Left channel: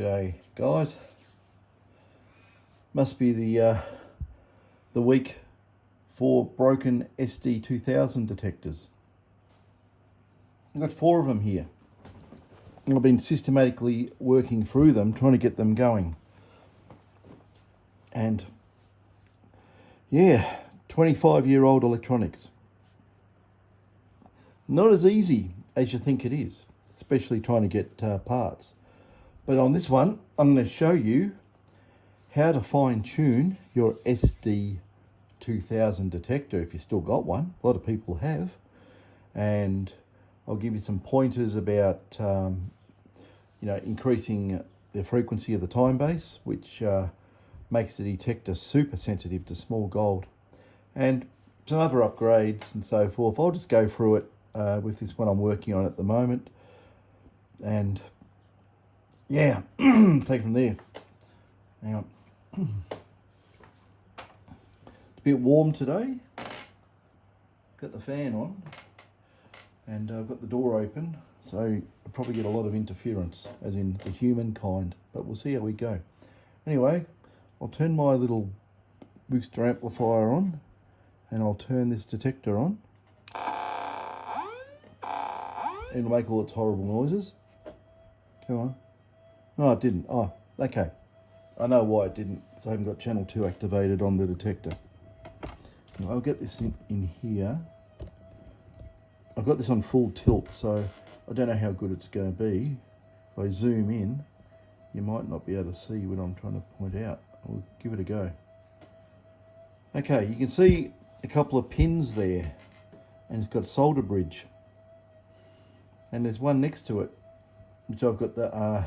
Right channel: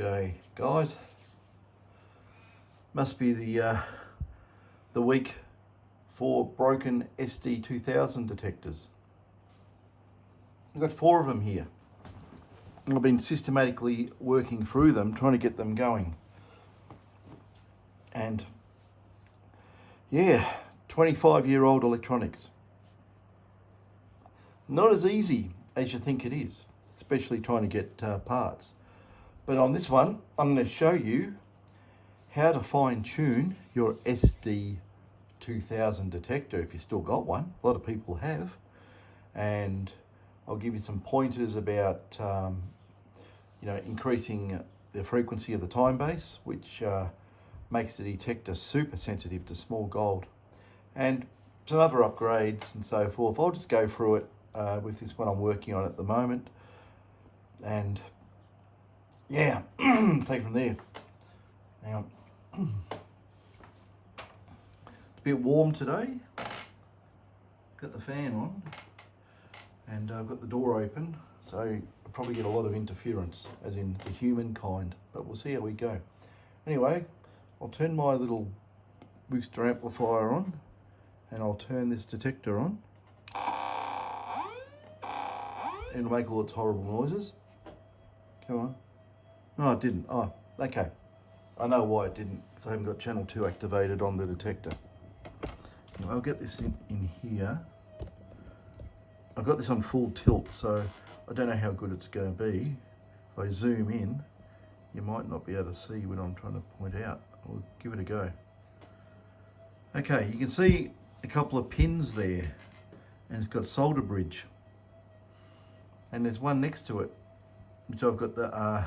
G'day guys. Must be the week for broken SD2000 detectors. I've got 4 of them here. I've been systematically working through them, trying to get them going. And yeah, 25-year-old electronics. Not as easy as you think it is, especially trying to get parts. But on this one, I'm going to show you how to fine tune your SD2000 detector if you still got one. A lot of people have. And I'll give you some pointers about increasing the frequency of the time base, which makes the detector super sensitive to small gold, and some other upgrades and so forth. I'll just go through it with this one I'm working on at the moment, and yeah, take from there. Hang on. It's a bit warm today. Got the fan on, and I've got the door open, so I'll probably get a lot of interference, as in the human kind, but we'll see how we go. Anyway, I'll turn my little booster amplifier on, and I'll turn this detector on. It'll make all its horrible noises. Come on. No, it didn't. Oh, okay. I know why it didn't, because I haven't got channel 2 activated on the detector. Now, I'll get this in here. I've got this on full tilt, so I don't know how good it's going to be. If I zoom in, you might not be able to see what I'm trying to point out. I'll give it a go. Okay, you can see a couple of pins there, and it's got a solder bridge. And there's one next to it, which I've got the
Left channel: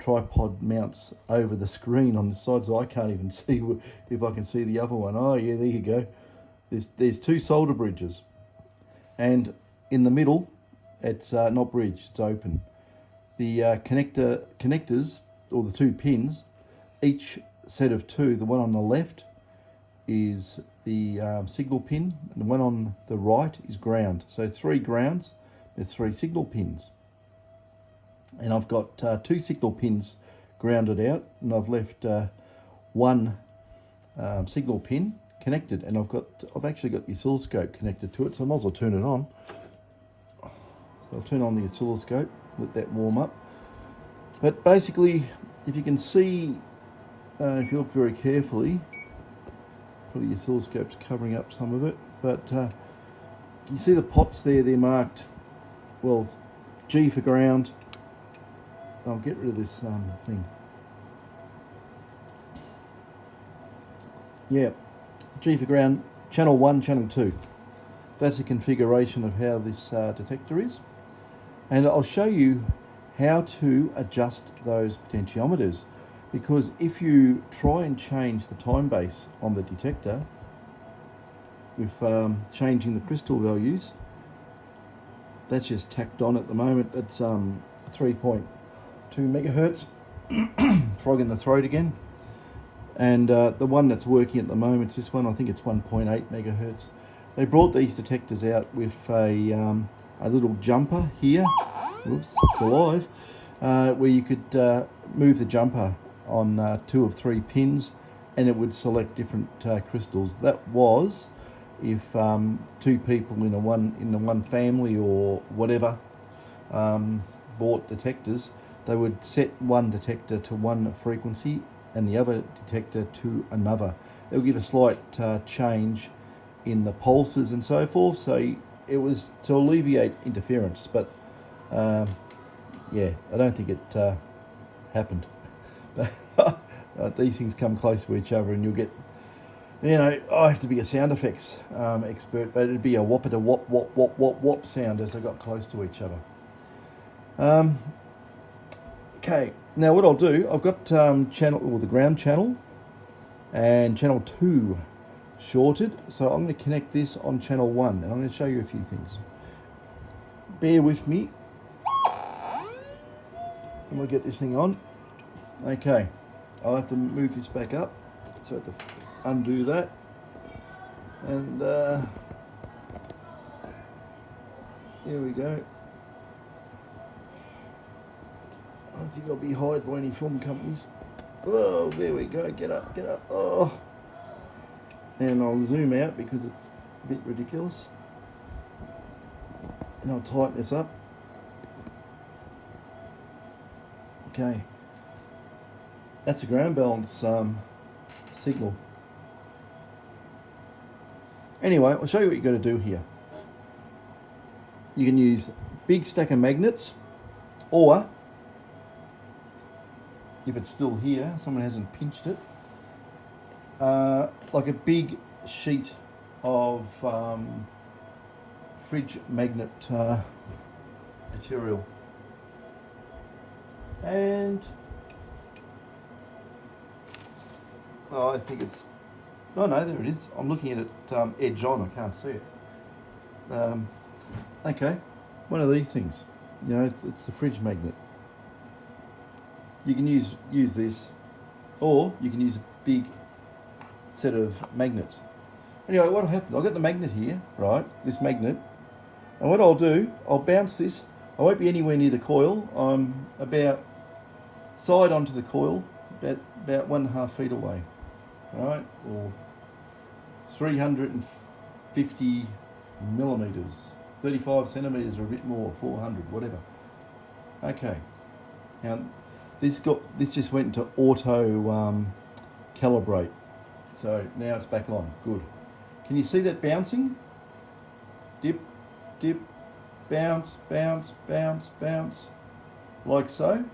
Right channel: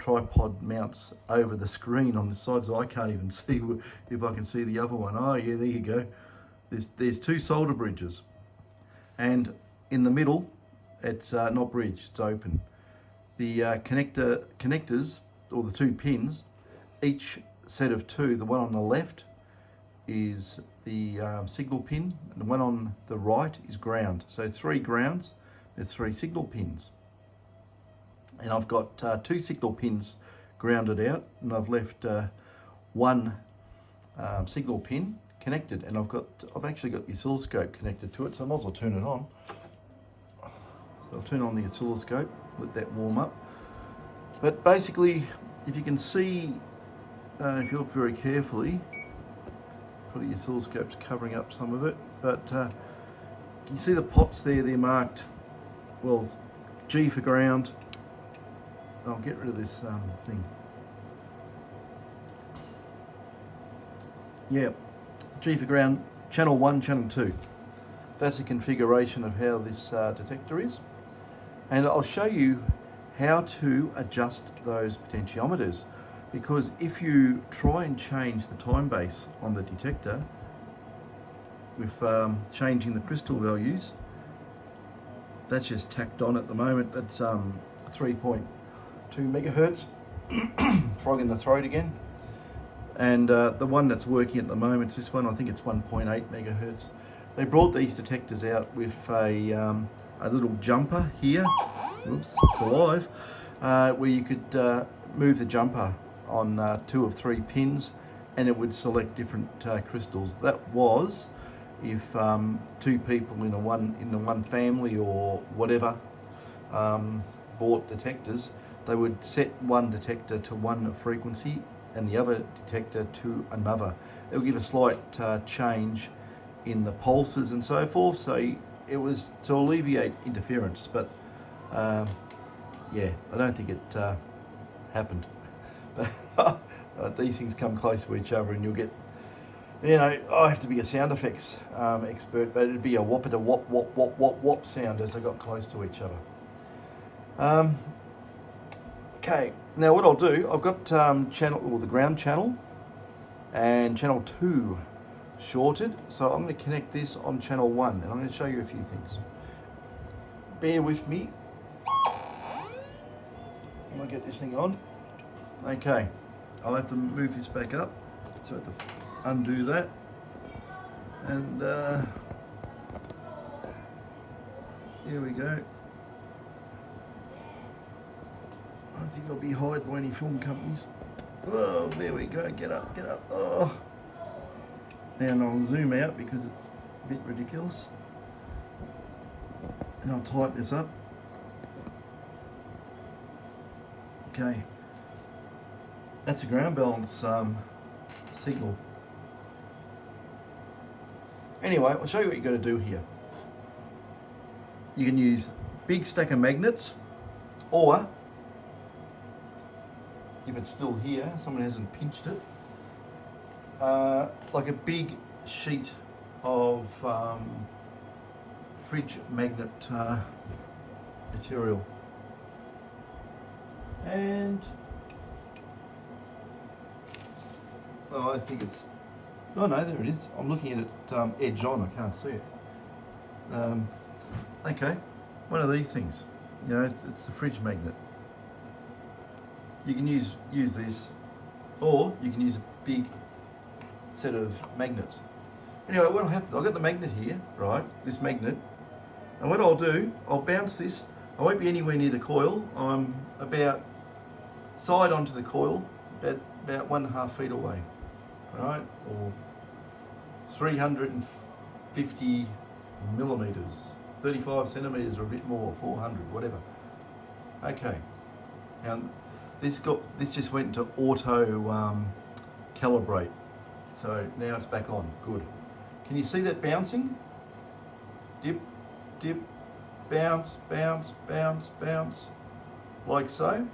tripod mounts over the screen on the side, so I can't even see if I can see the other one. Oh yeah, there you go. There's 2 solder bridges, and in the middle, it's not bridged, it's open. The connectors, or the 2 pins, each set of 2, the one on the left is the signal pin, and the one on the right is ground. So 3 grounds, there's 3 signal pins. And I've got 2 signal pins grounded out, and I've left 1 signal pin connected, and I've actually got the oscilloscope connected to it, so I might as well turn it on. So I'll turn on the oscilloscope, let that warm up. But basically, if you can see, if you look very carefully, probably the oscilloscope's covering up some of it, but you see the pots there, they're marked, well, G for ground. I'll get rid of this thing. Yeah, G for ground, channel 1, channel 2. That's the configuration of how this detector is. And I'll show you how to adjust those potentiometers, because if you try and change the time base on the detector with changing the crystal values, that's just tacked on at the moment. That's 3.2 megahertz. Frog in the throat again. And the one that's working at the moment is this one. I think it's 1.8 megahertz. They brought these detectors out with a little jumper here. Oops, it's alive. Where you could move the jumper on 2 of 3 pins, and it would select different crystals. That was if 2 people in the one family or whatever bought detectors, they would set one detector to one frequency and the other detector to another. It would give a slight change in the pulses and so forth, so it was to alleviate interference, but yeah, I don't think it happened. These things come close to each other, and you'll get, I have to be a sound effects expert, but it'd be a whoppity whop whop whop whop whop sound as they got close to each other. Okay, now what I'll do, I've got the ground channel and channel 2 shorted, so I'm going to connect this on channel 1, and I'm going to show you a few things. Bear with me. We'll get this thing on. Okay, I'll have to move this back up, so I have to undo that, and here we go. think I'll be hired by any film companies. Oh, there we go. Get up, get up. Oh. And I'll zoom out because it's a bit ridiculous. And I'll tighten this up. Okay. That's a ground balance signal. Anyway, I'll show you what you've got to do here. You can use big stack of magnets, or if it's still here, someone hasn't pinched it, like a big sheet of fridge magnet material. And I think it's, no, there it is. I'm looking at it edge on, I can't see it. Okay, one of these things, you know, it's the fridge magnet. You can use this, or you can use a big set of magnets. Anyway, what'll happen, I've got the magnet here, right, this magnet, and what I'll do, I'll bounce this. I won't be anywhere near the coil. I'm about side onto the coil, about 1.5 feet away, right, or 350 millimeters, 35 centimeters or a bit more, 400, whatever. Okay, now this just went into auto calibrate, so now it's back on. Good. Can you see that bouncing? Dip, dip, bounce, bounce, bounce, bounce, like so.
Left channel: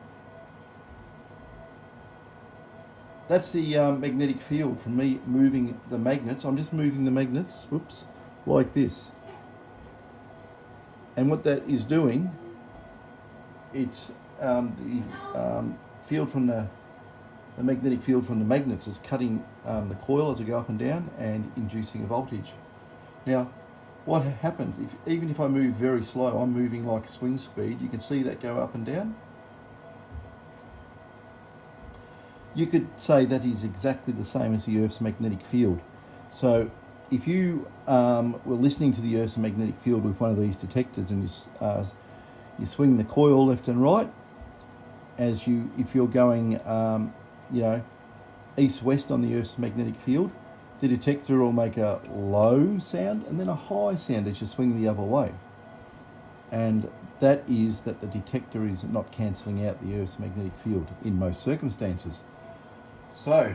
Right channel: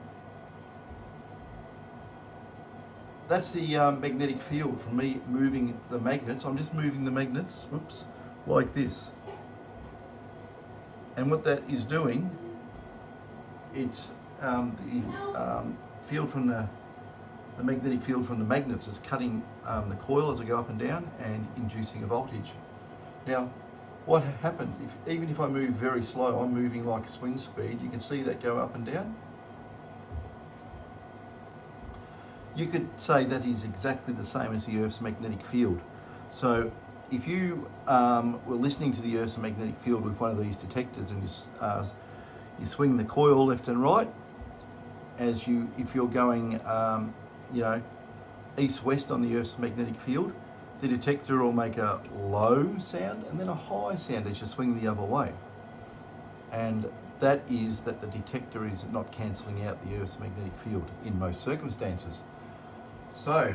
That's the magnetic field from me moving the magnets. I'm just moving the magnets, whoops, like this. And what that is doing, it's the field from the magnetic field from the magnets is cutting the coil as I go up and down and inducing a voltage. Now, what happens, even if I move very slow, I'm moving like swing speed, you can see that go up and down. You could say that is exactly the same as the Earth's magnetic field. So if you were listening to the Earth's magnetic field with one of these detectors and you swing the coil left and right, if you're going you know, east-west on the Earth's magnetic field, the detector will make a low sound and then a high sound as you swing the other way. And that is that the detector is not cancelling out the Earth's magnetic field in most circumstances. So,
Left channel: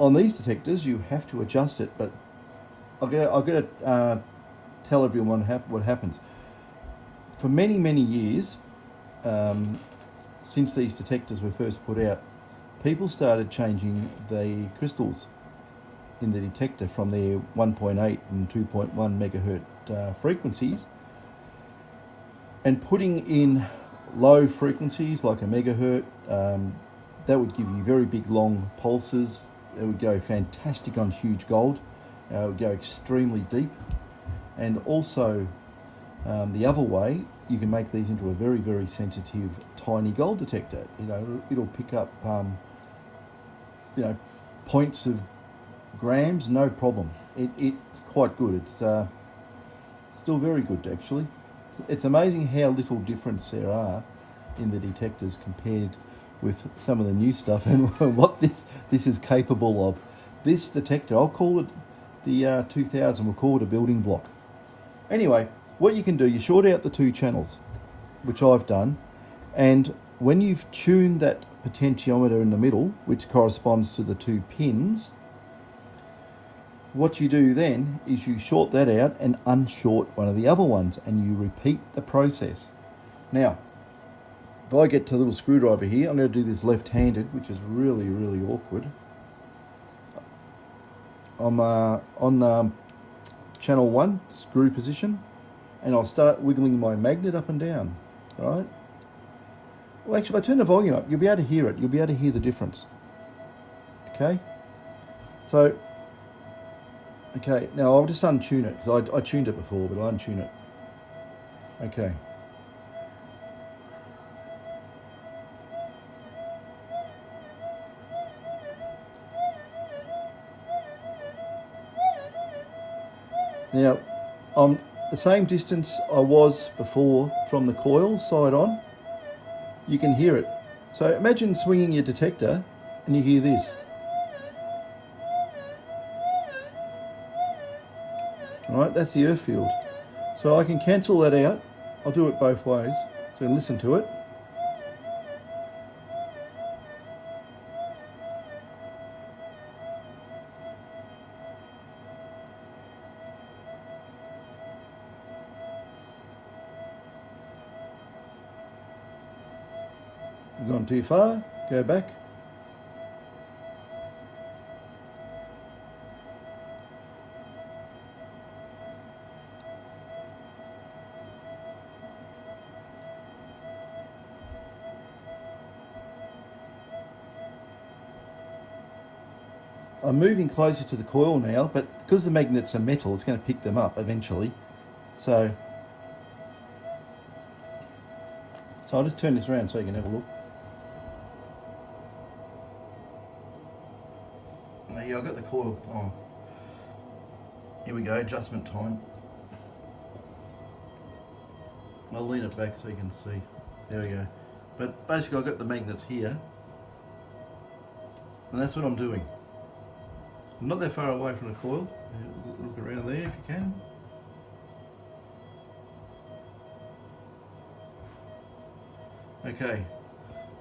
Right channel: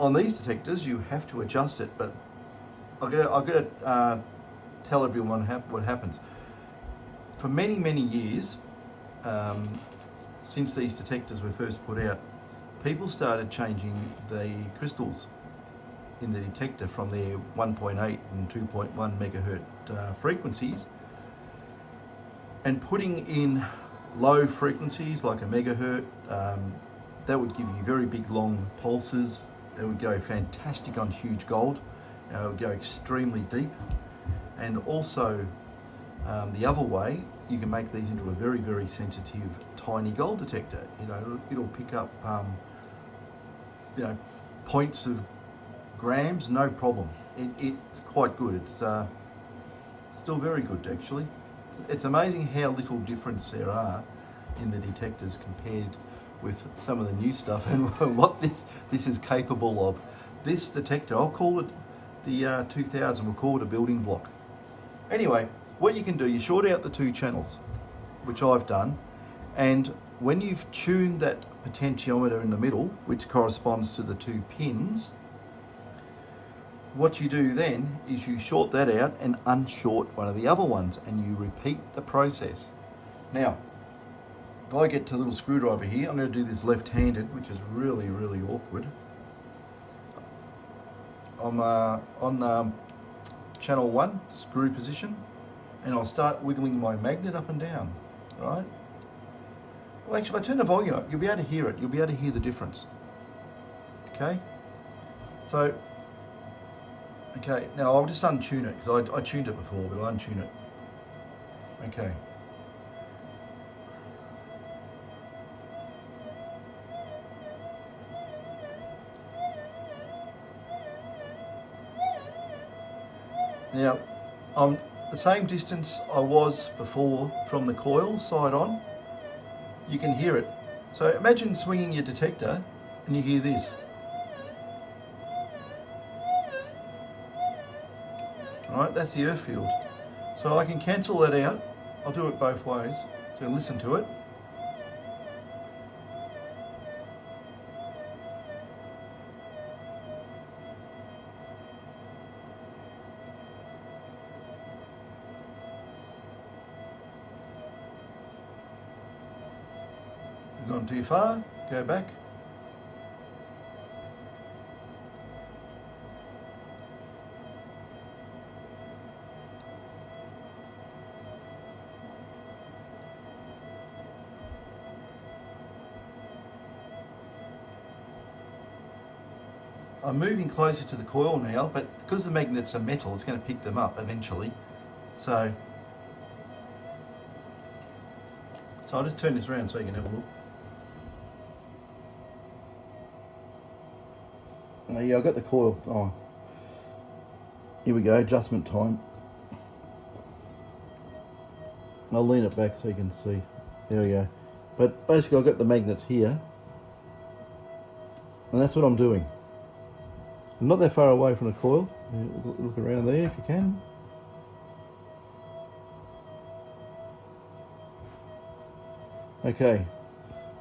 on these detectors, you have to adjust it, but I've got to tell everyone what happens. For many, many years, since these detectors were first put out, people started changing the crystals in the detector from their 1.8 and 2.1 megahertz frequencies and putting in low frequencies like a megahertz. That would give you very big long pulses. It would go fantastic on huge gold. It would go extremely deep. And also the other way, you can make these into a very, very sensitive tiny gold detector. You know, it'll pick up you know, points of grams, no problem. It's quite good. It's still very good actually. It's amazing how little difference there are in the detectors compared with some of the new stuff and what this is capable of. This detector, I'll call it the 2000, we'll call it a building block. Anyway, what you can do, you short out the two channels, which I've done, and when you've tuned that potentiometer in the middle, which corresponds to the two pins, what you do then is you short that out and unshort one of the other ones, and you repeat the process. Now, if I get to a little screwdriver here, I'm going to do this left-handed, which is really, really awkward. I'm on channel 1, screw position, and I'll start wiggling my magnet up and down, all right? Well, actually, if I turn the volume up, you'll be able to hear it. You'll be able to hear the difference, okay? So, okay, now I'll just untune it, because I tuned it before, but I'll untune it. Okay. Now, I'm the same distance I was before from the coil, side on. you can hear it. So imagine swinging your detector and you hear this. All right, that's the earth field. So I can cancel that out. I'll do it both ways. So listen to it. Gone too far, go back. I'm moving closer to the coil now, but because the magnets are metal, it's going to pick them up eventually. So I'll just turn this around so you can have a look. Yeah, I've got the coil. Oh, here we go, adjustment time. I'll lean it back so you can see. There we go. But basically I've got the magnets here, and that's what I'm doing. I'm not that far away from the coil. Look around there if you can. Okay,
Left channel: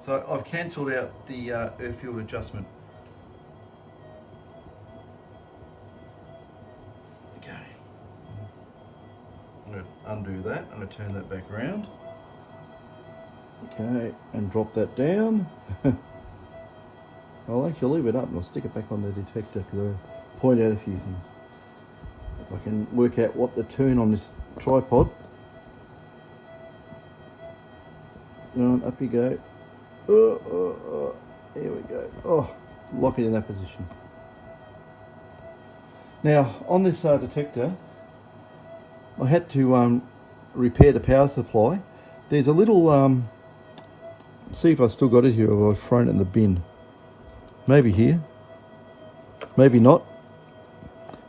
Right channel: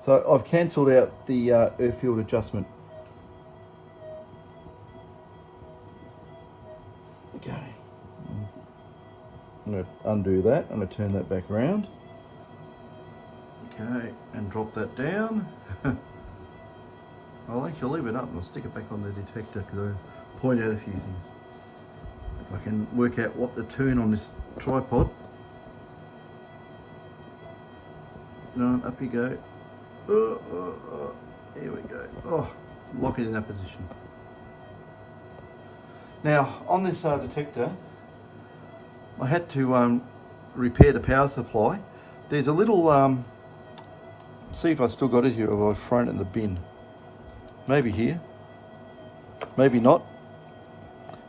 so I've cancelled out the earth field adjustment. Okay, I'm going to undo that. I'm going to turn that back around. Okay, and drop that down. I'll actually leave it up and I'll stick it back on the detector because I'll point out a few things. If I can work out what the turn on this tripod. And up you go. Here we go. Oh, lock it in that position. Now, on this detector, I had to repair the power supply. There's a little, see if I still got it here or I've thrown it in the bin. Maybe here, maybe not.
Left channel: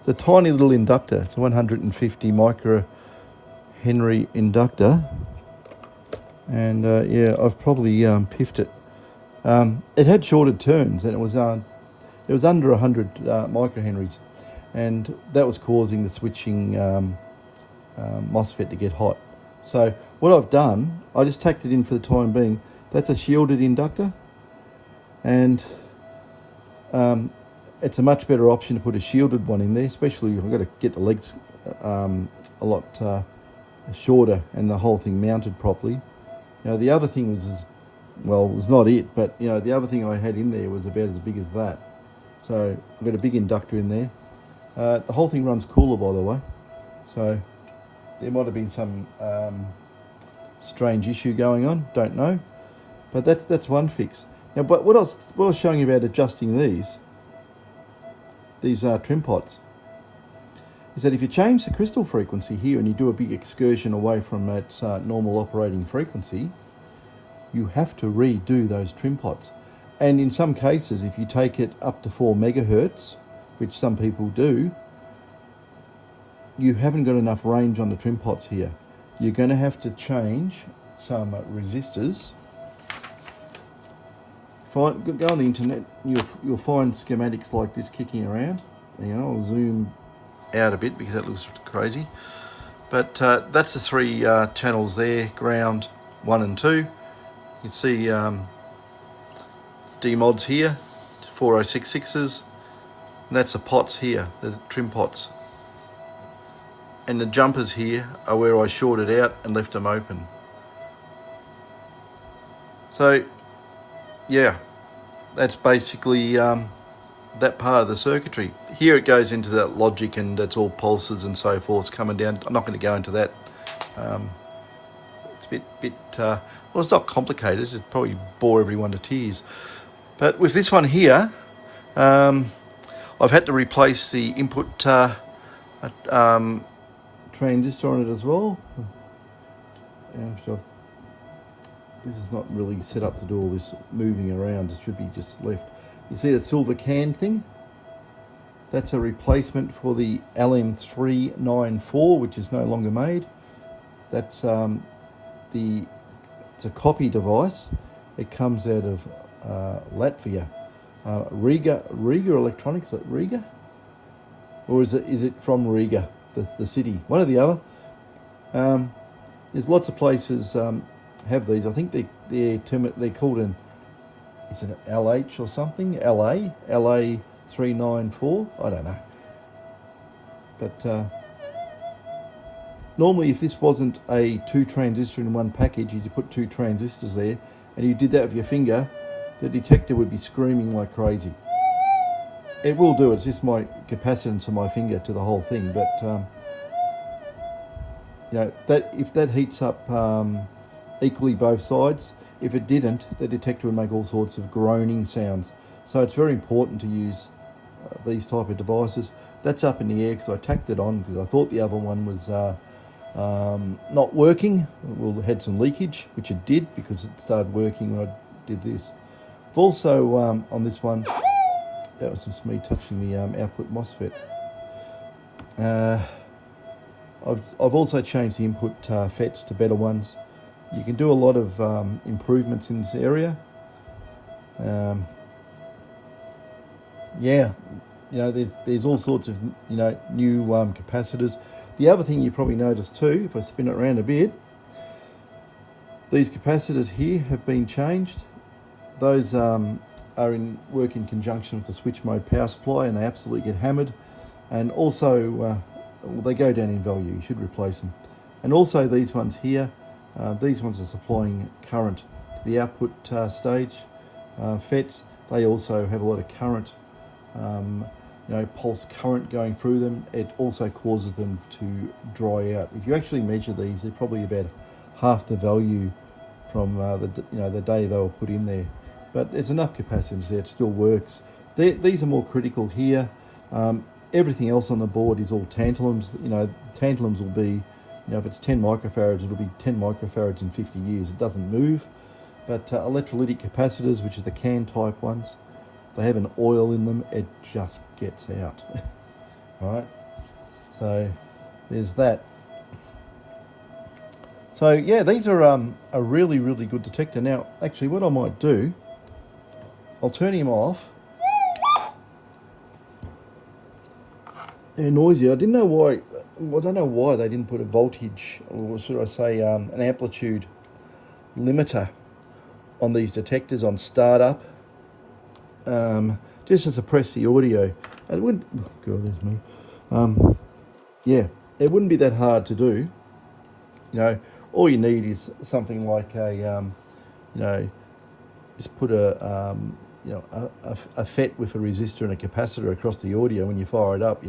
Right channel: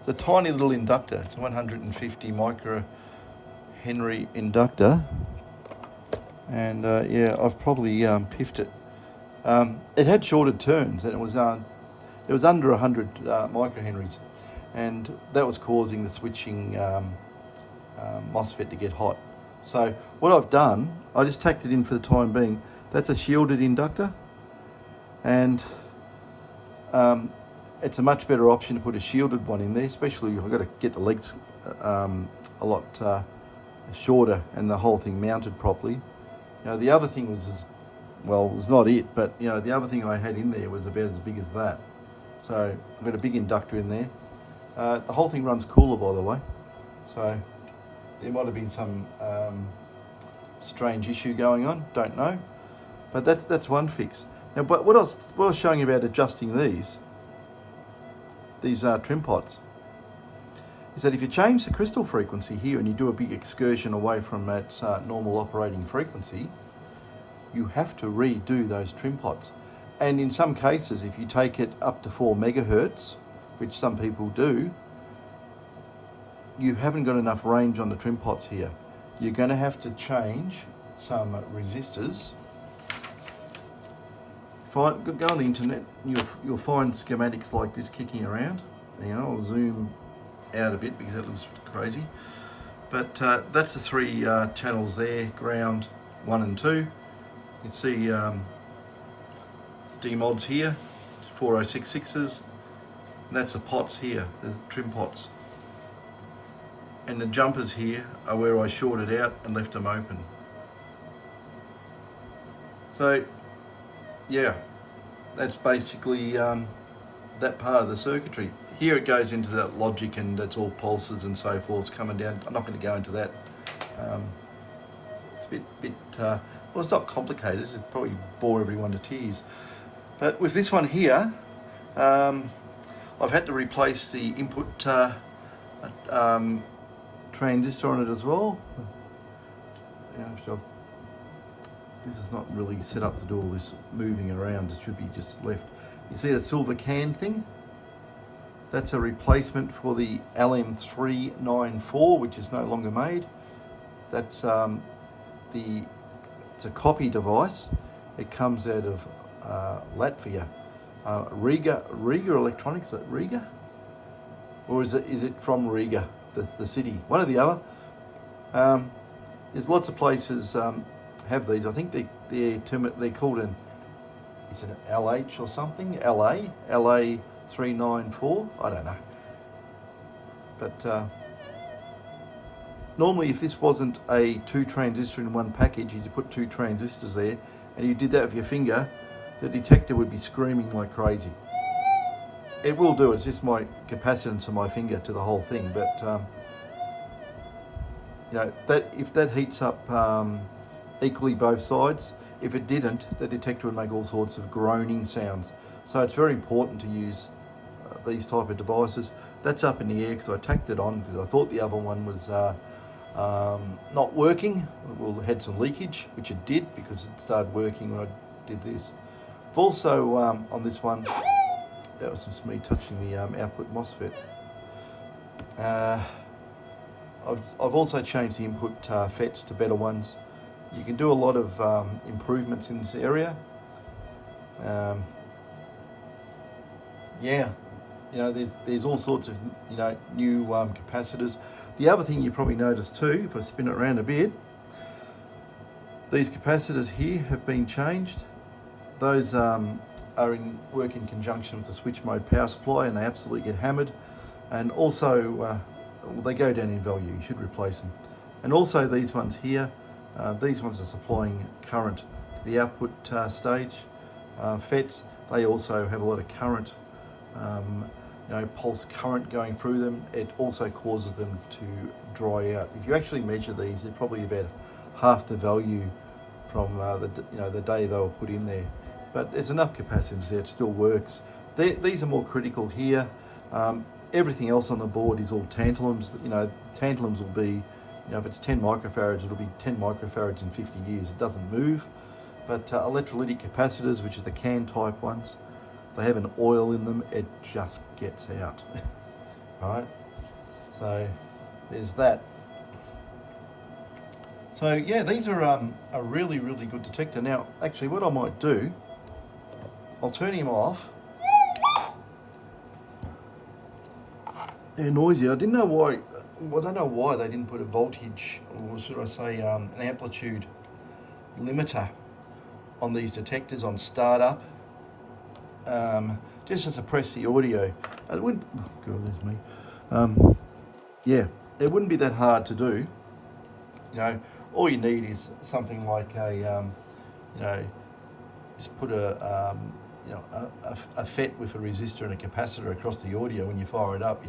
It's a tiny little inductor. It's a 150 microhenry inductor. And yeah, I've probably piffed it. It had shorted turns and it was under 100 microhenries. And that was causing the switching MOSFET to get hot. So what I've done, I just tacked it in for the time being. That's a shielded inductor. And it's a much better option to put a shielded one in there, especially if I've got to get the legs a lot shorter and the whole thing mounted properly. You know, the other thing was, well, it was not it, but you know, the other thing I had in there was about as big as that. So I've got a big inductor in there. The whole thing runs cooler, by the way. So there might have been some strange issue going on, don't know. But that's one fix. Now, but what I was showing you about adjusting these trim pots is that if you change the crystal frequency here and you do a big excursion away from its normal operating frequency, you have to redo those trim pots. And in some cases, if you take it up to 4 megahertz, which some people do, you haven't got enough range on the trim pots here. You're going to have to change some resistors. Go on the internet, you'll find schematics like this kicking around. You know, I'll zoom out a bit because that looks crazy. But that's the 3 channels there, ground 1 and 2. You see D-mods here, 4066s. And that's the pots here, the trim pots. And the jumpers here are where I shorted out and left them open. So, yeah, that's basically that part of the circuitry. Here it goes into that logic and that's all pulses and so forth coming down. I'm not going to go into that. It's a bit well, it's not complicated. It'd probably bore everyone to tears. But with this one here, I've had to replace the input transistor on it as well. Yeah, so this is not really set up to do all this moving around. It should be just left. You see the silver can thing? That's a replacement for the LM394, which is no longer made. That's it's a copy device, It comes out of Latvia. Riga Electronics, is it Riga? Or is it from Riga, the city? One or the other. There's lots of places have these. I think they're called is it an LH or something? LA 394. I don't know. But normally, if this wasn't a 2 transistor in one package, you put 2 transistors there, and you did that with your finger, the detector would be screaming like crazy. It will do. It's just my capacitance of my finger to the whole thing. But you know, that if that heats up equally both sides, if it didn't, the detector would make all sorts of groaning sounds. So it's very important to use these type of devices. That's up in the air because I tacked it on because I thought the other one was not working. It had some leakage, which it did because it started working when I did this. I've also on this one, that was just me touching the output MOSFET. I've also changed the input FETs to better ones. You can do a lot of improvements in this area. Yeah, you know, there's all sorts of new capacitors. The other thing you probably noticed too, if I spin it around a bit, these capacitors here have been changed. Those work in conjunction with the switch mode power supply, and they absolutely get hammered. And also they go down in value. You should replace them. And also these ones here, these ones are supplying current to the output stage. FETs, they also have a lot of current, pulse current going through them. It also causes them to dry out. If you actually measure these, they're probably about half the value from the day they were put in there. But there's enough capacitance there, it still works. These are more critical here. Everything else on the board is all tantalums. Tantalums will be, if it's 10 microfarads, it'll be 10 microfarads in 50 years. It doesn't move. But electrolytic capacitors, which is the can type ones, they have an oil in them, it just gets out. All right, so there's that. So yeah, these are a really, really good detector. Now, actually what I might do, I'll turn him off. They're noisy. I don't know why they didn't put a voltage, or should I say an amplitude limiter on these detectors on startup, just to suppress the audio. It wouldn't, oh God, there's me. Yeah, it wouldn't be that hard to do. All you need is something like a, just put a FET with a resistor and a capacitor across the audio. When you fire it up,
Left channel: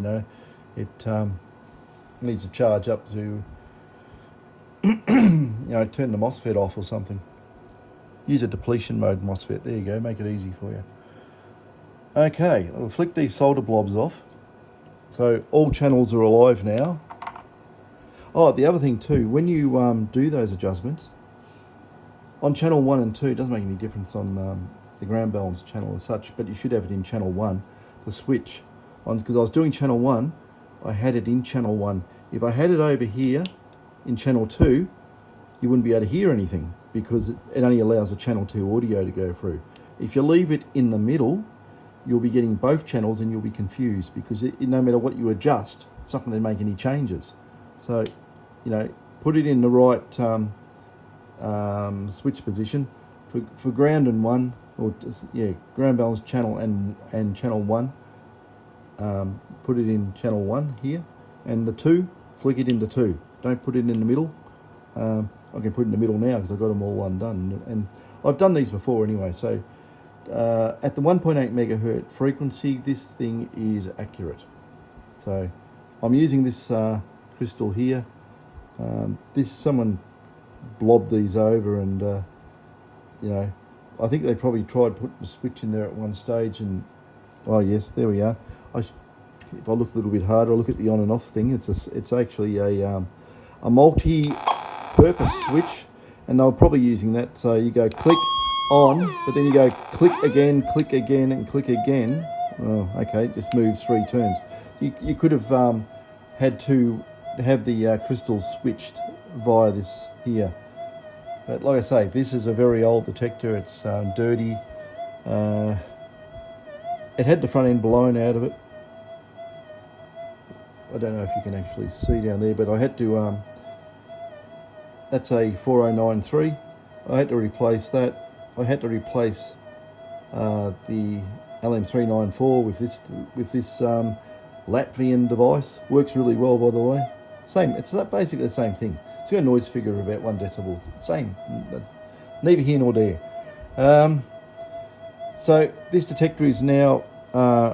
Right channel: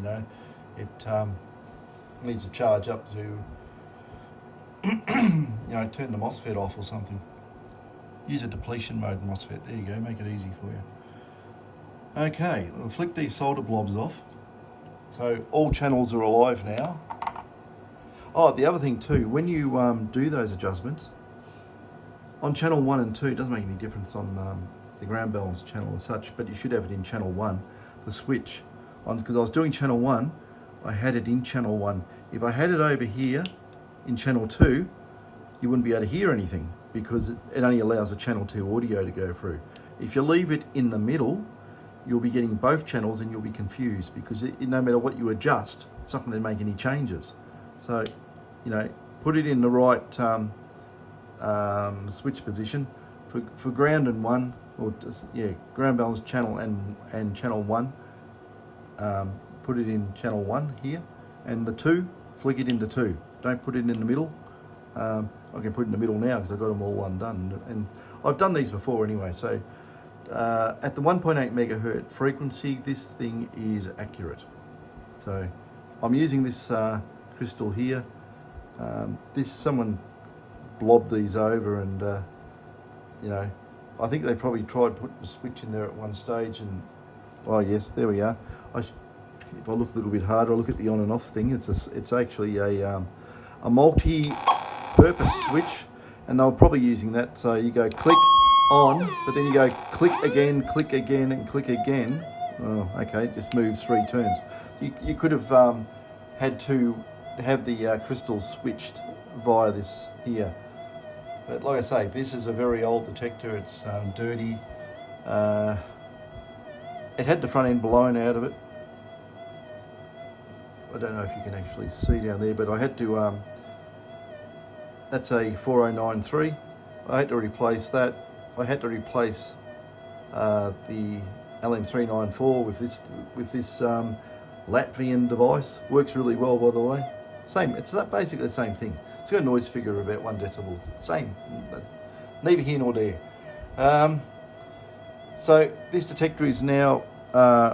it needs to charge up to, turn the MOSFET off or something. Use a depletion mode MOSFET. There you go, make it easy for you. Okay, I'll flick these solder blobs off. So all channels are alive now. Oh, the other thing too, when you do those adjustments, on channel 1 and 2, it doesn't make any difference on the ground balance channel as such, but you should have it in channel 1, the switch. Because I was doing channel 1, I had it in channel 1. If I had it over here in channel 2, you wouldn't be able to hear anything because it only allows the channel 2 audio to go through. If you leave it in the middle, you'll be getting both channels and you'll be confused because no matter what you adjust, it's not going to make any changes. So, put it in the right switch position for ground and 1, or just, ground balance channel and channel 1. Put it in channel 1 here, and the 2, flick it into 2. Don't put it in the middle. I can put it in the middle now because I've got them all undone, and I've done these before anyway. So at the 1.8 megahertz frequency, this thing is accurate. So I'm using this crystal here. Someone blobbed these over, and I think they probably tried putting a switch in there at one stage, and oh yes, there we are. If I look a little bit harder, I look at the on and off thing. It's actually a multi-purpose switch, and they're probably using that. So you go click on, but then you go click again, and click again. Oh, okay, it just moves 3 turns. You could have had to have the crystals switched via this here. But like I say, this is a very old detector. It's dirty. It had the front end blown out of it. I don't know if you can actually see down there, but I had to, that's a 4093. I had to replace that. I had to replace the LM394 with this Latvian device. Works really well, by the way. Same, it's basically the same thing. It's got a noise figure of about 1 decibel. Same, that's neither here nor there. So this detector is now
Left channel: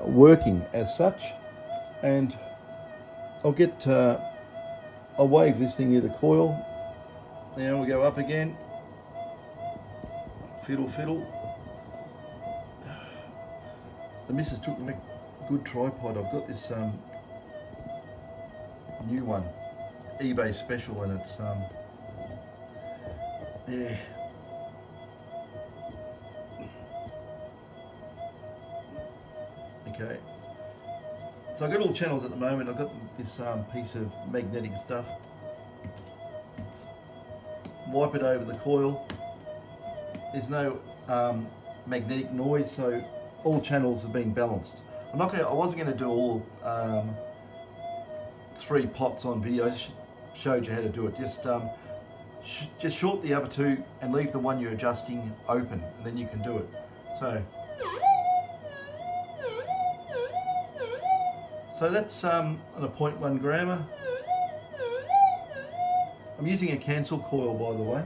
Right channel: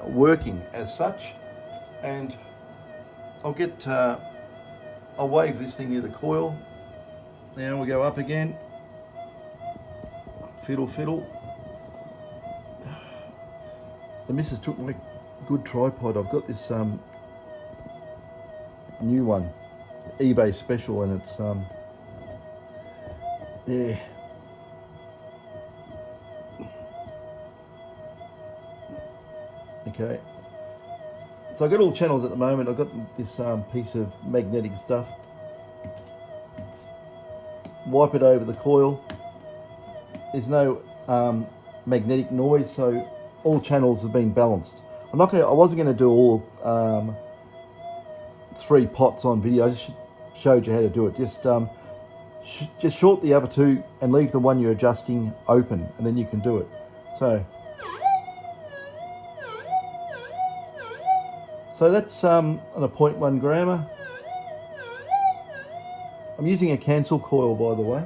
working as such, and I'll wave this thing near the coil. Now we go up again. Fiddle, fiddle. The missus took me a good tripod. I've got this new one, eBay special, and it's yeah. Okay. So I've got all channels at the moment. I've got this piece of magnetic stuff. Wipe it over the coil. There's no magnetic noise, so all channels have been balanced. I wasn't going to do all 3 pots on video. I just showed you how to do it. Just short the other 2 and leave the one you're adjusting open, and then you can do it. So that's on a 0.1 grammer. I'm using a cancel coil, by the way.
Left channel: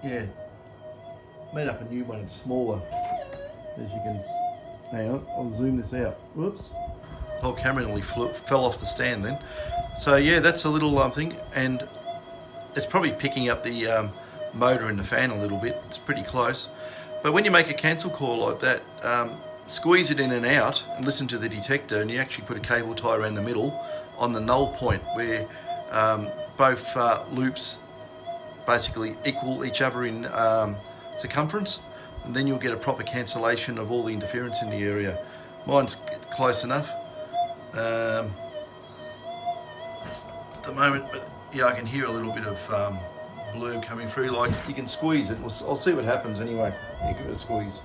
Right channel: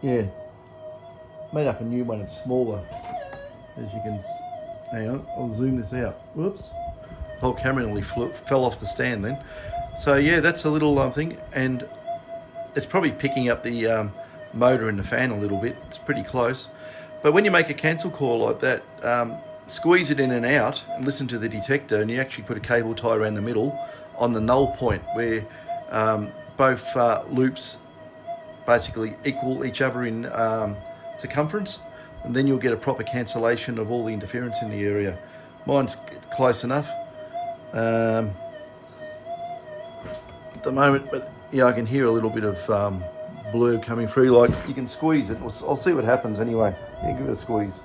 Yeah, made up a new one. It's smaller, as you can. Hang on, I'll zoom this out. Whoops, the whole camera nearly fell off the stand then. So yeah, that's a little thing, and it's probably picking up the motor in the fan a little bit. It's pretty close. But when you make a cancel coil like that, squeeze it in and out and listen to the detector, and you actually put a cable tie around the middle on the null point where both loops basically equal each other in circumference, and then you'll get a proper cancellation of all the interference in the area. Mine's close enough at the moment, but yeah, I can hear a little bit of blurb coming through. Like, you can squeeze it. I'll see what happens anyway. Yeah, give it a squeeze.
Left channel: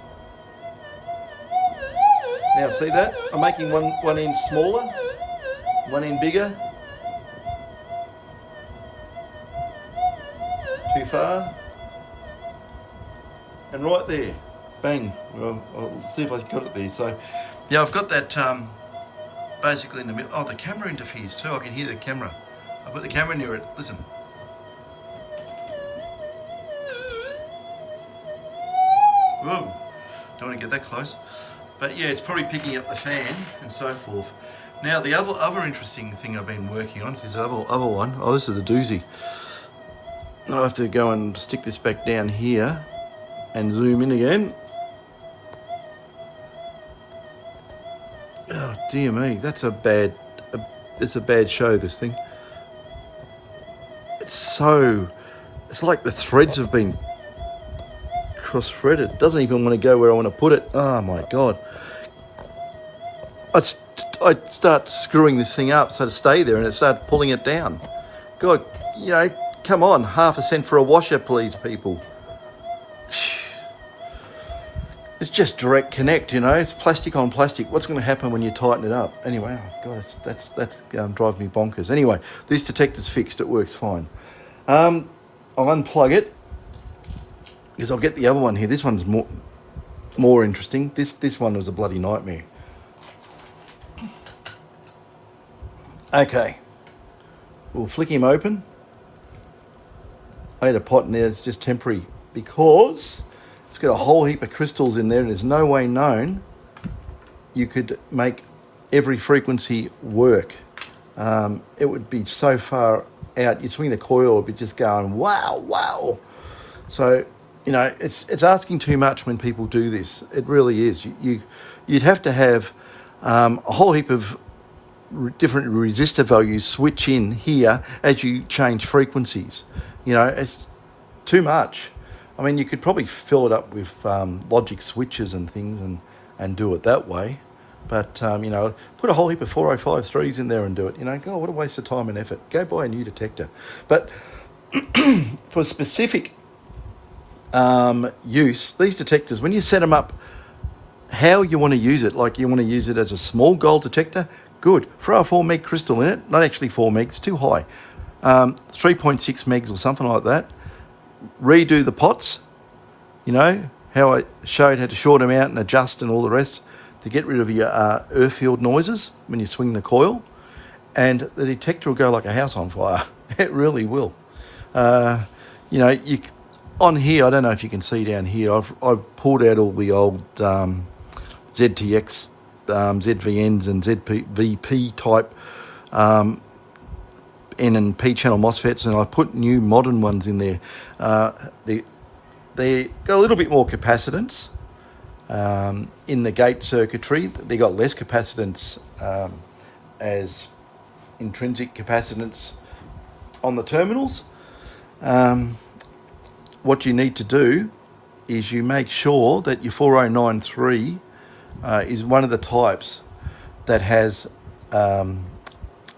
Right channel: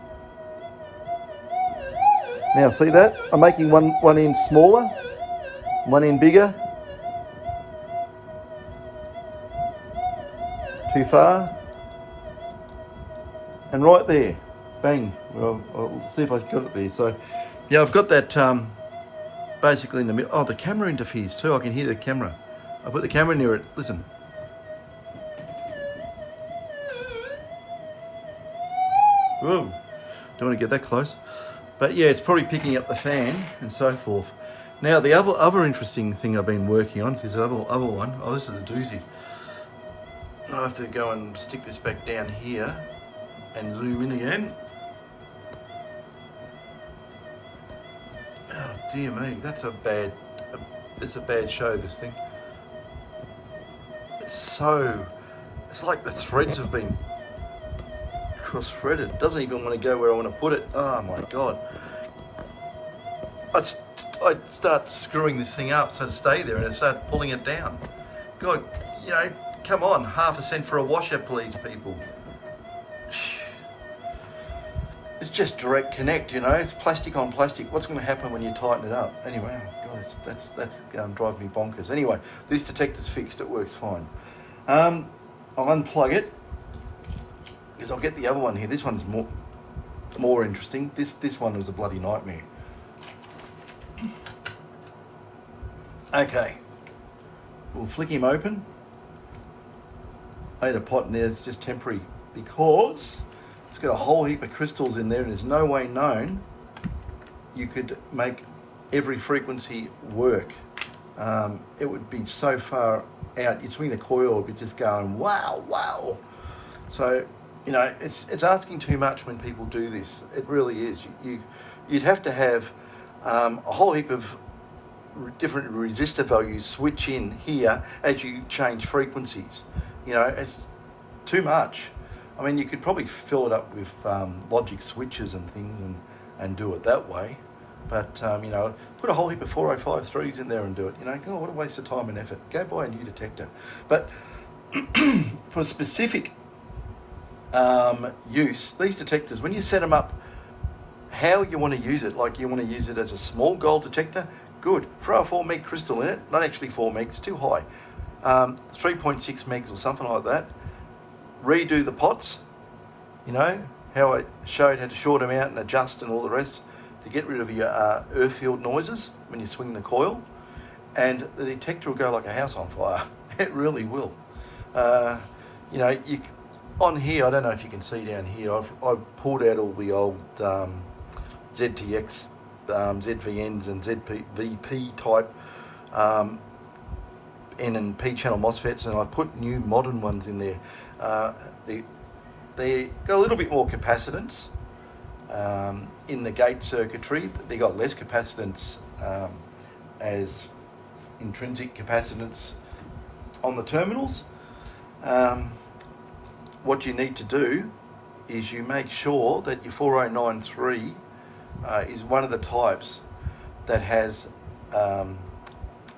Now see that? I'm making one end smaller, one end bigger. Too far. And right there, bang. Well, I'll see if I got it there. So yeah, I've got that basically in the middle. Oh, the camera interferes too. I can hear the camera. I put the camera near it. Listen. Whoa, don't want to get that close. But yeah, it's probably picking up the fan and so forth. Now the other interesting thing I've been working on is this other one. Oh, this is a doozy. I'll have to go and stick this back down here and zoom in again. Oh dear me, it's a bad show, this thing. It's like the threads have been cross-threaded. It doesn't even want to go where I want to put it. Oh my God. I'd start screwing this thing up so to stay there, and it started pulling it down. God, you know, come on, 1/2 cent for a washer, please, people. It's just direct connect, you know. It's plastic on plastic. What's going to happen when you tighten it up? Anyway, oh God, that's drive me bonkers. Anyway, this detector's fixed. It works fine. I'll unplug it because I'll get the other one here. This one's more interesting. This one was a bloody nightmare. Okay, we'll flick him open. I had a pot in there. It's just temporary because it's got a whole heap of crystals in there, and there's no way known you could make every frequency work. It would be so far out. You'd swing the coil, it'd be just going wow, wow. So, you know, it's asking too much when people do this. It really is. You'd have to have a whole heap of different resistor values switch in here as you change frequencies. You know, it's too much. I mean, you could probably fill it up with logic switches and things and do it that way. But, you know, put a whole heap of 4053s in there and do it. You know, God, what a waste of time and effort. Go buy a new detector. But for specific use, these detectors, when you set them up, how you want to use it, like you want to use it as a small gold detector, good. Throw a 4 meg crystal in it, not actually 4 megs, too high. 3.6 megs or something like that. Redo the pots, you know, how I showed how to short them out and adjust and all the rest to get rid of your earth field noises when you swing the coil. And the detector will go like a house on fire. It really will. You know, on here, I don't know if you can see down here, I've pulled out all the old ZTX, ZVNs and ZVP type N and P channel MOSFETs, and I put new modern ones in there. They got a little bit more capacitance in the gate circuitry. They got less capacitance as intrinsic capacitance on the terminals. What you need to do is you make sure that your 4093 is one of the types that has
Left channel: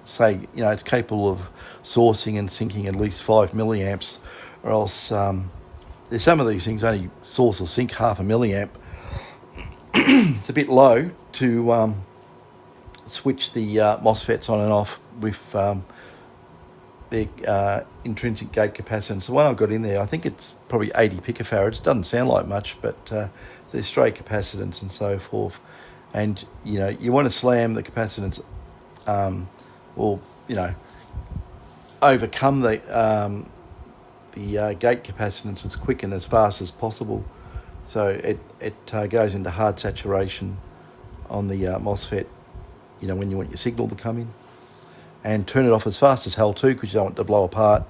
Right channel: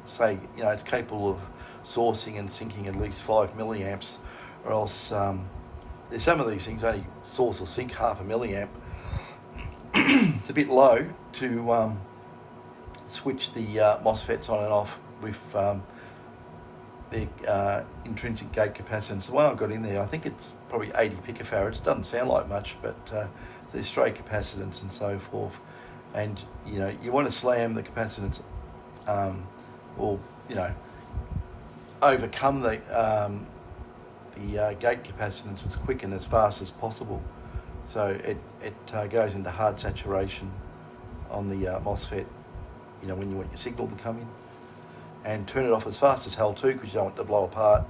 say, you know, it's capable of sourcing and sinking at least 5 milliamps, or else there's some of these things only source or sink half a milliamp. It's a bit low to switch the MOSFETs on and off with their intrinsic gate capacitance. The one I've got in there, I think it's probably 80 picofarads. It doesn't sound like much, but there's straight capacitance and so forth. And you know, you want to slam the capacitance, or you know, overcome the gate capacitance as quick and as fast as possible. So it goes into hard saturation on the MOSFET, you know, when you want your signal to come in. And turn it off as fast as hell too, because you don't want it to blow apart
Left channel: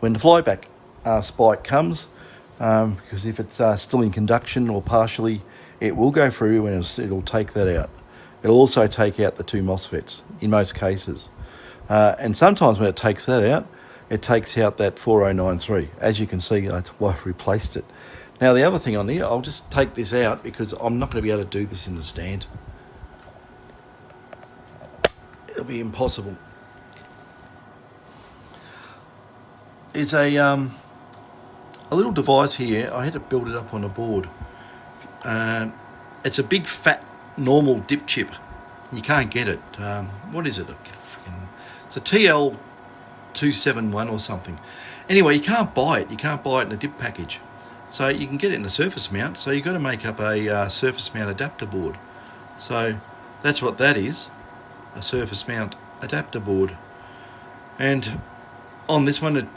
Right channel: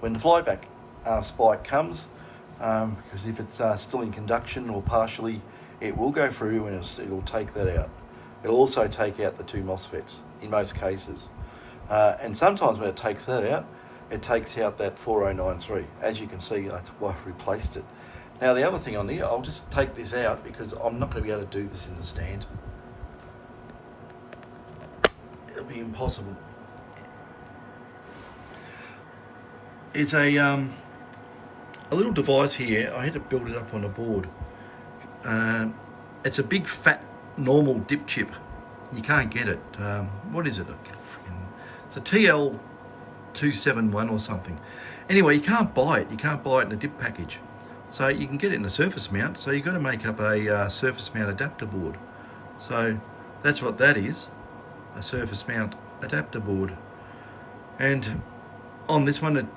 when the flyback spike comes, because if it's still in conduction or partially, it will go through and it'll take that out. It'll also take out the two MOSFETs in most cases. And sometimes when it takes that out, it takes out that 4093. As you can see, that's why I've replaced it. Now the other thing on here, I'll just take this out because I'm not going to be able to do this in the stand. It'll be impossible. There's a little device here. I had to build it up on a board. It's a big fat normal dip chip. You can't get it. What is it? It's a TL271 or something. Anyway, you can't buy it. You can't buy it in a dip package. So you can get it in a surface mount. So you've got to make up a surface mount adapter board. So that's what that is, a surface mount adapter board. And on this one,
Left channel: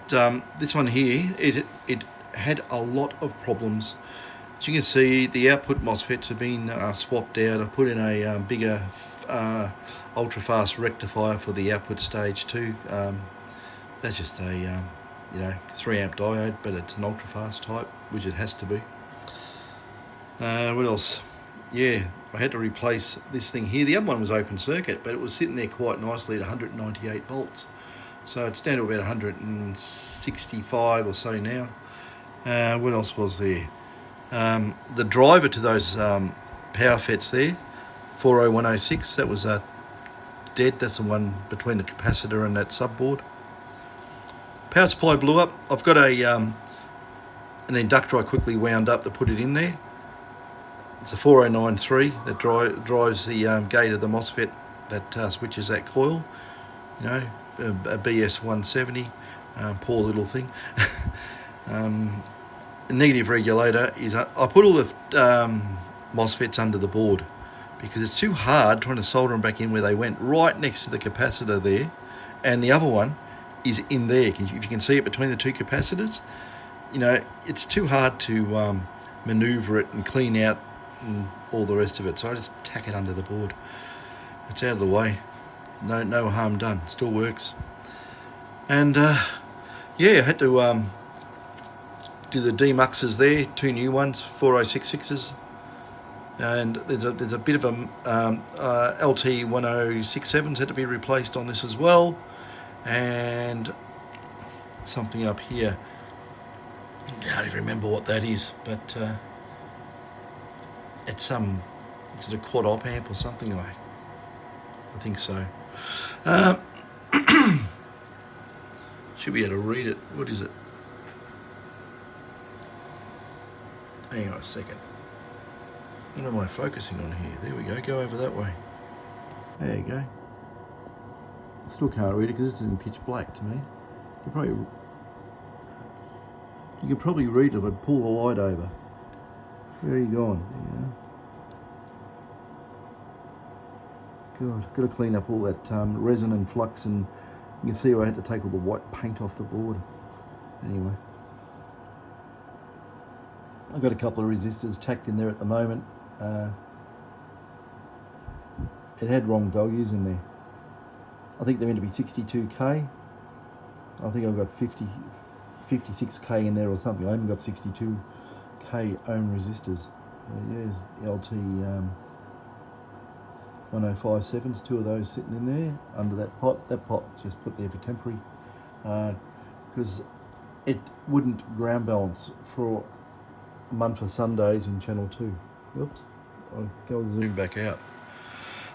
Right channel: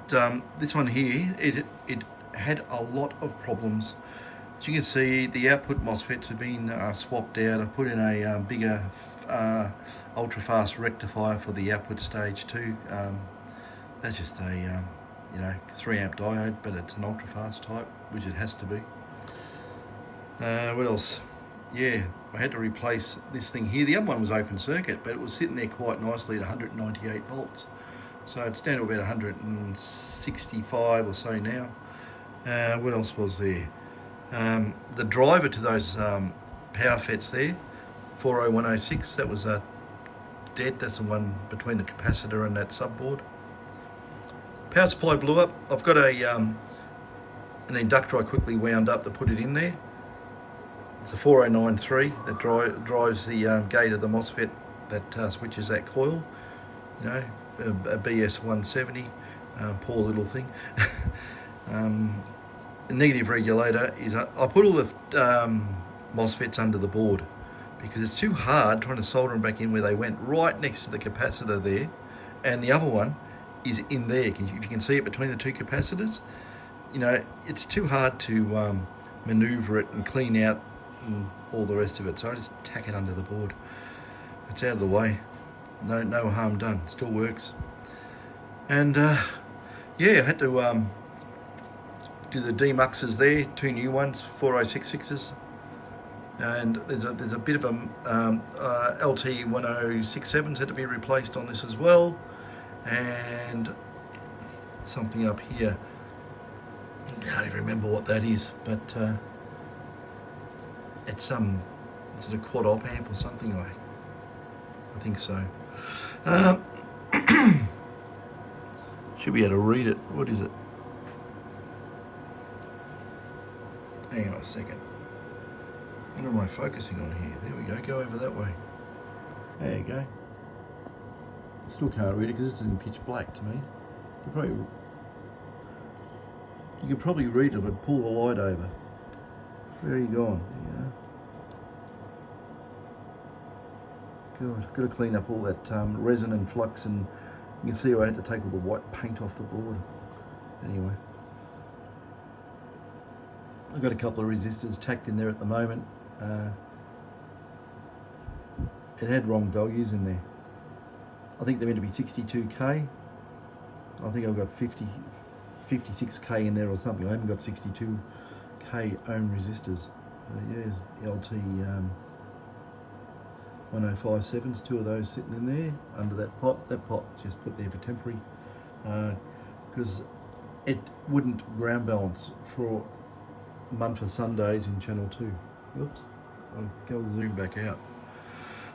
this one here, it had a lot of problems. As you can see, the output MOSFETs have been swapped out. I put in a bigger ultra fast rectifier for the output stage 2. That's just a you know, 3 amp diode, but it's an ultra fast type, which it has to be. What else? Yeah, I had to replace this thing here. The other one was open circuit, but it was sitting there quite nicely at 198 volts. So it's down to about 165 or so now. What else was there? The driver to those power FETs there, 40106, that was dead. That's the one between the capacitor and that subboard. Power supply blew up. I've got an inductor I quickly wound up to put it in there. It's a 4093 that drives the gate of the MOSFET that switches that coil. You know, a BS170, poor little thing. The negative regulator is, I put all the MOSFETs under the board because it's too hard trying to solder them back in where they went, right next to the capacitor there, and the other one is in there. If you can see it between the two capacitors, you know, it's too hard to maneuver it and clean out and all the rest of it. So I just tack it under the board. It's out of the way. No harm done. Still works. And yeah, I had to do the demuxes there. 2 new ones, 4066s. And there's a bit of a LT1067s had to be replaced on this as well. And something up here, I can't even remember what that is, but it's a quad op amp or something like. I think so. Should be able to read it. What is it? Hang on a second. What am I focusing on here? There we go. Go over that way. There you go. Still can't read it because it's in pitch black to me. You could probably read it if I pull the light over. Where are you going? God, got to clean up all that resin and flux, and you can see I had to take all the white paint off the board. Anyway, I've got a couple of resistors tacked in there at the moment. It had wrong values in there. I think they're meant to be 62k. I think I've got 56k in there or something. I haven't got 62k ohm resistors. There's LT 1057s, two of those sitting in there under that pot. That pot's just put there for temporary, because it wouldn't ground balance for Munfa Sundays in channel 2. Oops, I'll go zoom back out.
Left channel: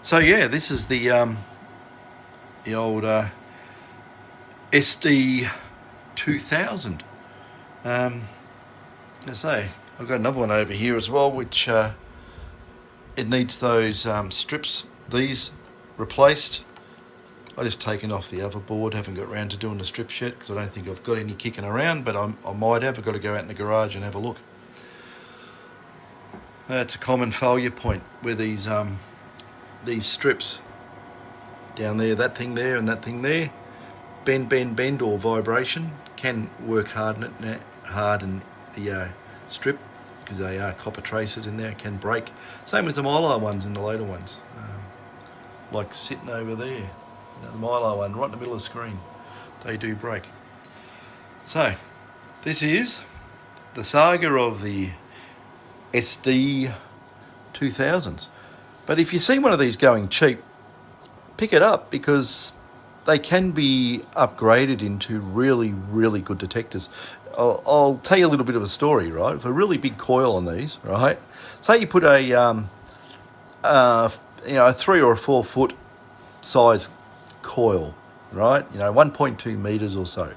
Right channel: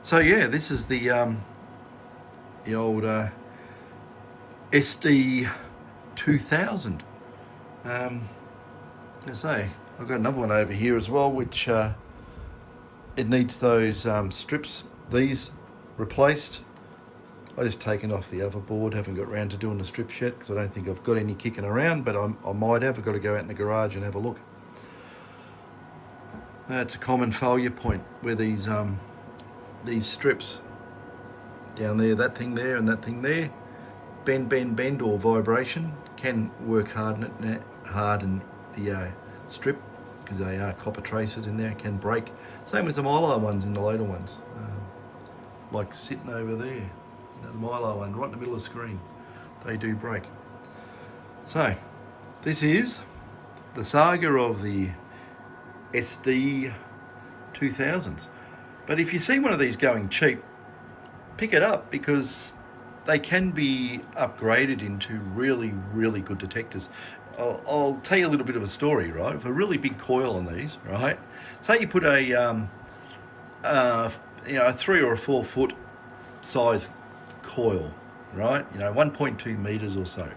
So yeah, this is the old SD2000. I say I've got another one over here as well, which it needs those strips, these replaced. I just taken off the other board, haven't got around to doing the strips yet because I don't think I've got any kicking around, but I might have. I've got to go out in the garage and have a look. That's a common failure point where these strips down there, that thing there and that thing there, bend or vibration can work harden the strip, because they are copper traces in there, can break. Same with the Mylar ones and the later ones, like sitting over there, the Mylar one right in the middle of the screen, they do break. So this is the saga of the SD2000s. But if you see one of these going cheap, pick it up, because they can be upgraded into really, really good detectors. I'll tell you a little bit of a story, right? For a really big coil on these, right? Say you put a 3 or 4 foot size coil, right? 1.2 meters or so,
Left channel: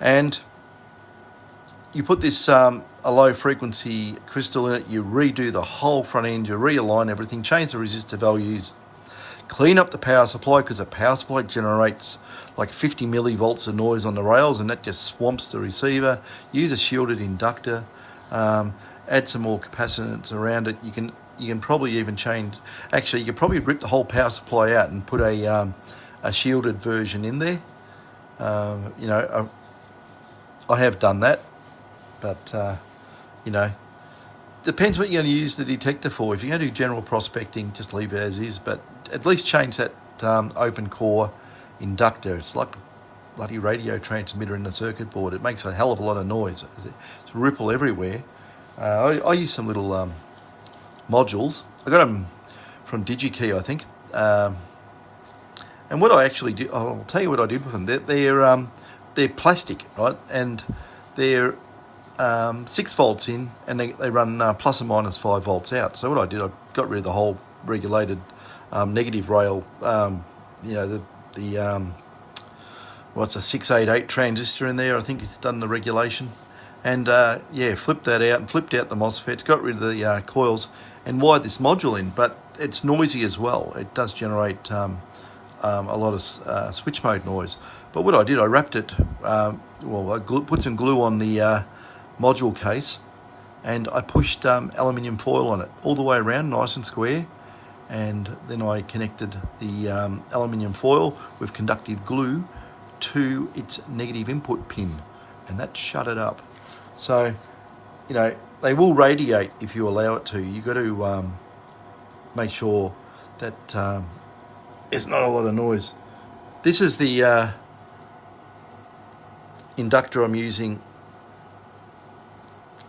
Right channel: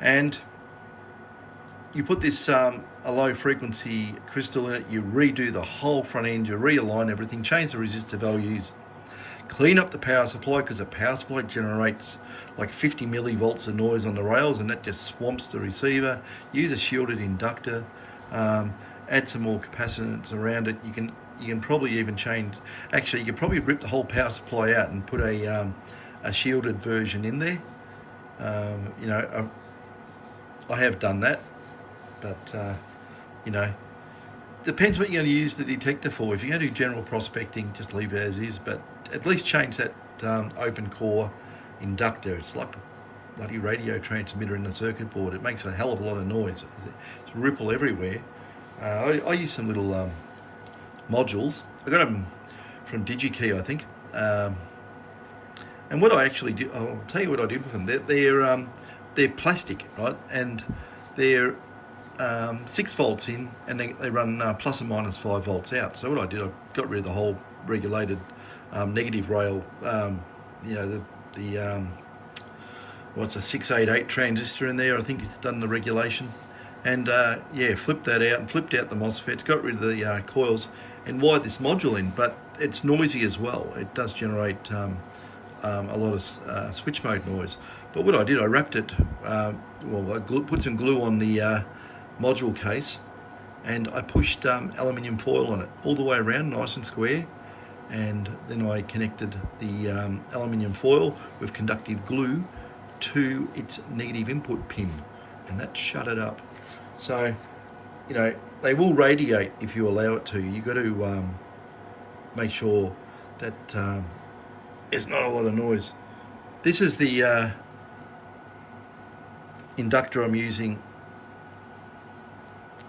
and you put this a low frequency crystal in it. You redo the whole front end. You realign everything, change the resistor values. Clean up the power supply, because the power supply generates like 50 millivolts of noise on the rails, and that just swamps the receiver. Use a shielded inductor, add some more capacitance around it. You can probably even change, actually you could probably rip the whole power supply out and put a shielded version in there. I have done that, but depends what you're going to use the detector for. If you're going to do general prospecting, just leave it as is, but at least change that open core inductor. It's like a bloody radio transmitter in the circuit board. It makes a hell of a lot of noise. It's ripple everywhere. I use some little modules. I got them from DigiKey, I think. And what I actually did, I'll tell you what I did with them. They're plastic, right? And they're 6 volts in, and they run plus or minus 5 volts out. So what I did, I got rid of the whole regulated negative rail, what's a 688 transistor in there. I think it's done the regulation, and flipped that out and flipped out the MOSFETs, got rid of the coils, and wired this module in. But it's noisy as well. It does generate a lot of switch mode noise. But what I did, I wrapped it, I put some glue on the module case, and I pushed aluminium foil on it all the way around, nice and square. And then I connected the aluminium foil with conductive glue to its negative input pin, and that shut it up. So, they will radiate if you allow it to. You got to make sure that there's not a lot of noise. This is the inductor I'm using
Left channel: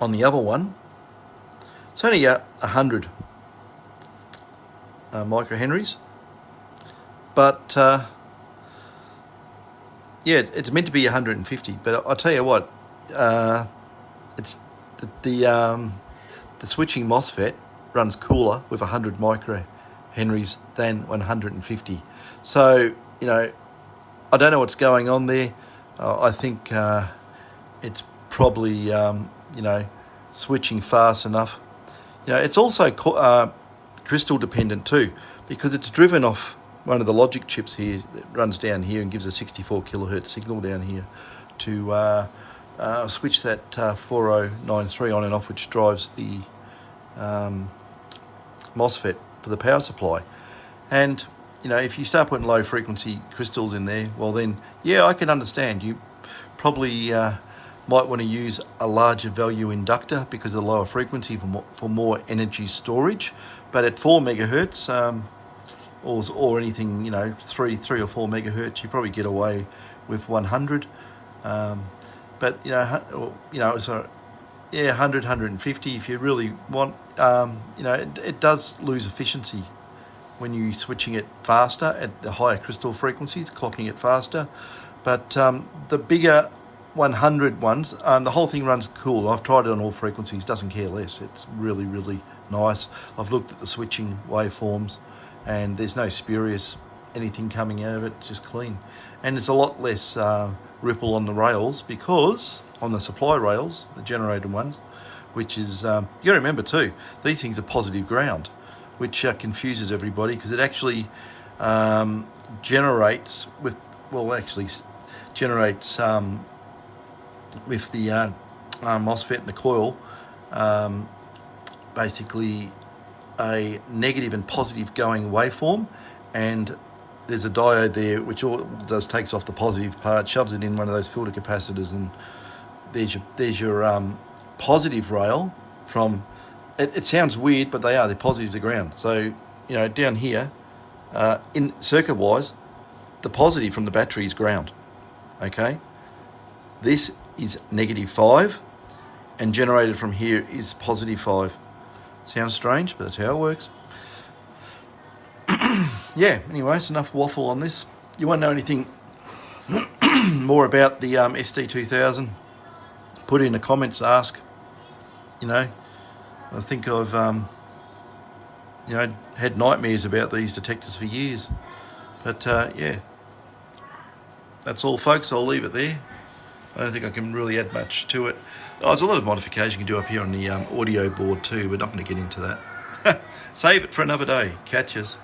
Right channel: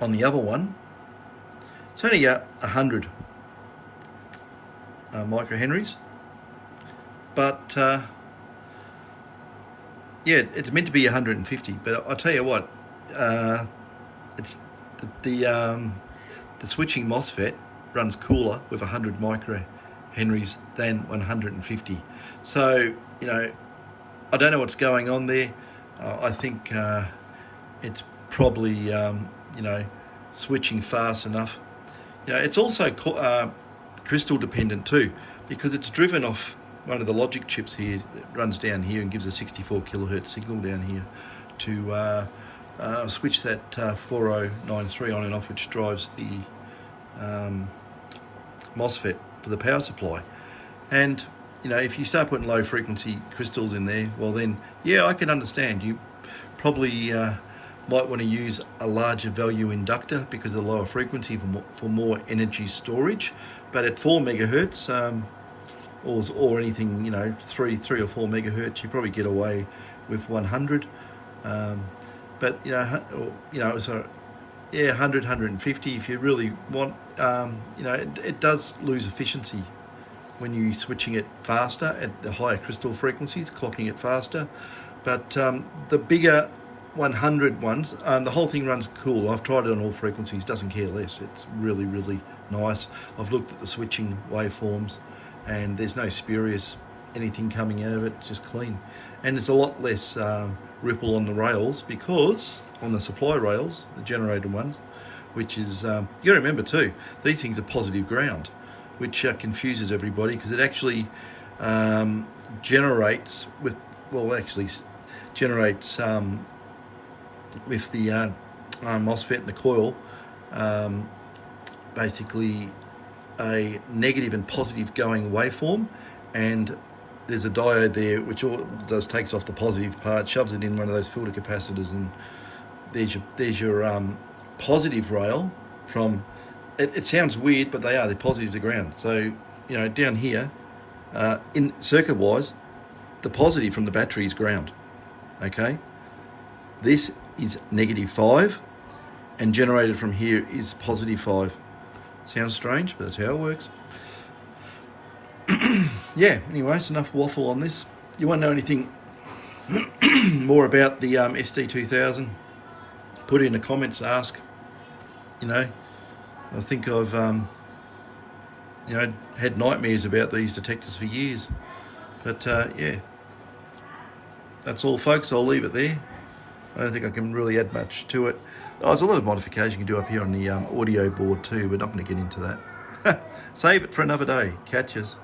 on the other one. It's only 100 microhenries, but it's meant to be 150. But I'll tell you what, it's the switching MOSFET runs cooler with 100 microhenries than 150. So I don't know what's going on there. I think it's probably switching fast enough. You know, it's also crystal dependent too, because it's driven off one of the logic chips here. It runs down here and gives a 64 kilohertz signal down here to switch that 4093 on and off, which drives the MOSFET for the power supply. And you know, if you start putting low frequency crystals in there, well then, yeah, I can understand. You probably might want to use a larger value inductor because of the lower frequency for more energy storage. But at 4 megahertz, or anything, you know, 3 or 4 megahertz, you probably get away with 100. But you know, so yeah, 100, 150 if you really want. You know, it does lose efficiency when you're switching it faster at the higher crystal frequencies, clocking it faster. But the bigger 100 ones, the whole thing runs cool. I've tried it on all frequencies, doesn't care less. It's really, really nice. I've looked at the switching waveforms and there's no spurious anything coming out of it, just clean. And there's a lot less ripple on the rails, because on the supply rails, the generated ones, which is, you gotta remember too, these things are positive ground, which confuses everybody, because it actually generates with, well, actually generates with the MOSFET and the coil, basically a negative and positive going waveform, and there's a diode there which all it does, takes off the positive part, shoves it in one of those filter capacitors, and there's your positive rail from. It sounds weird, but they're positive to ground. So, you know, down here, in circuit-wise, the positive from the battery is ground, okay? This is -5, and generated from here is +5. Sounds strange, but that's how it works. Yeah, anyway, it's enough waffle on this. You want to know anything more about the SD2000? Put it in the comments, ask. You know, I think I've, you know, had nightmares about these detectors for years. But yeah, that's all, folks. I'll leave it there. I don't think I can really add much to it. Oh, there's a lot of modification you can do up here on the audio board too, but not going to get into that. Save it for another day. Catches.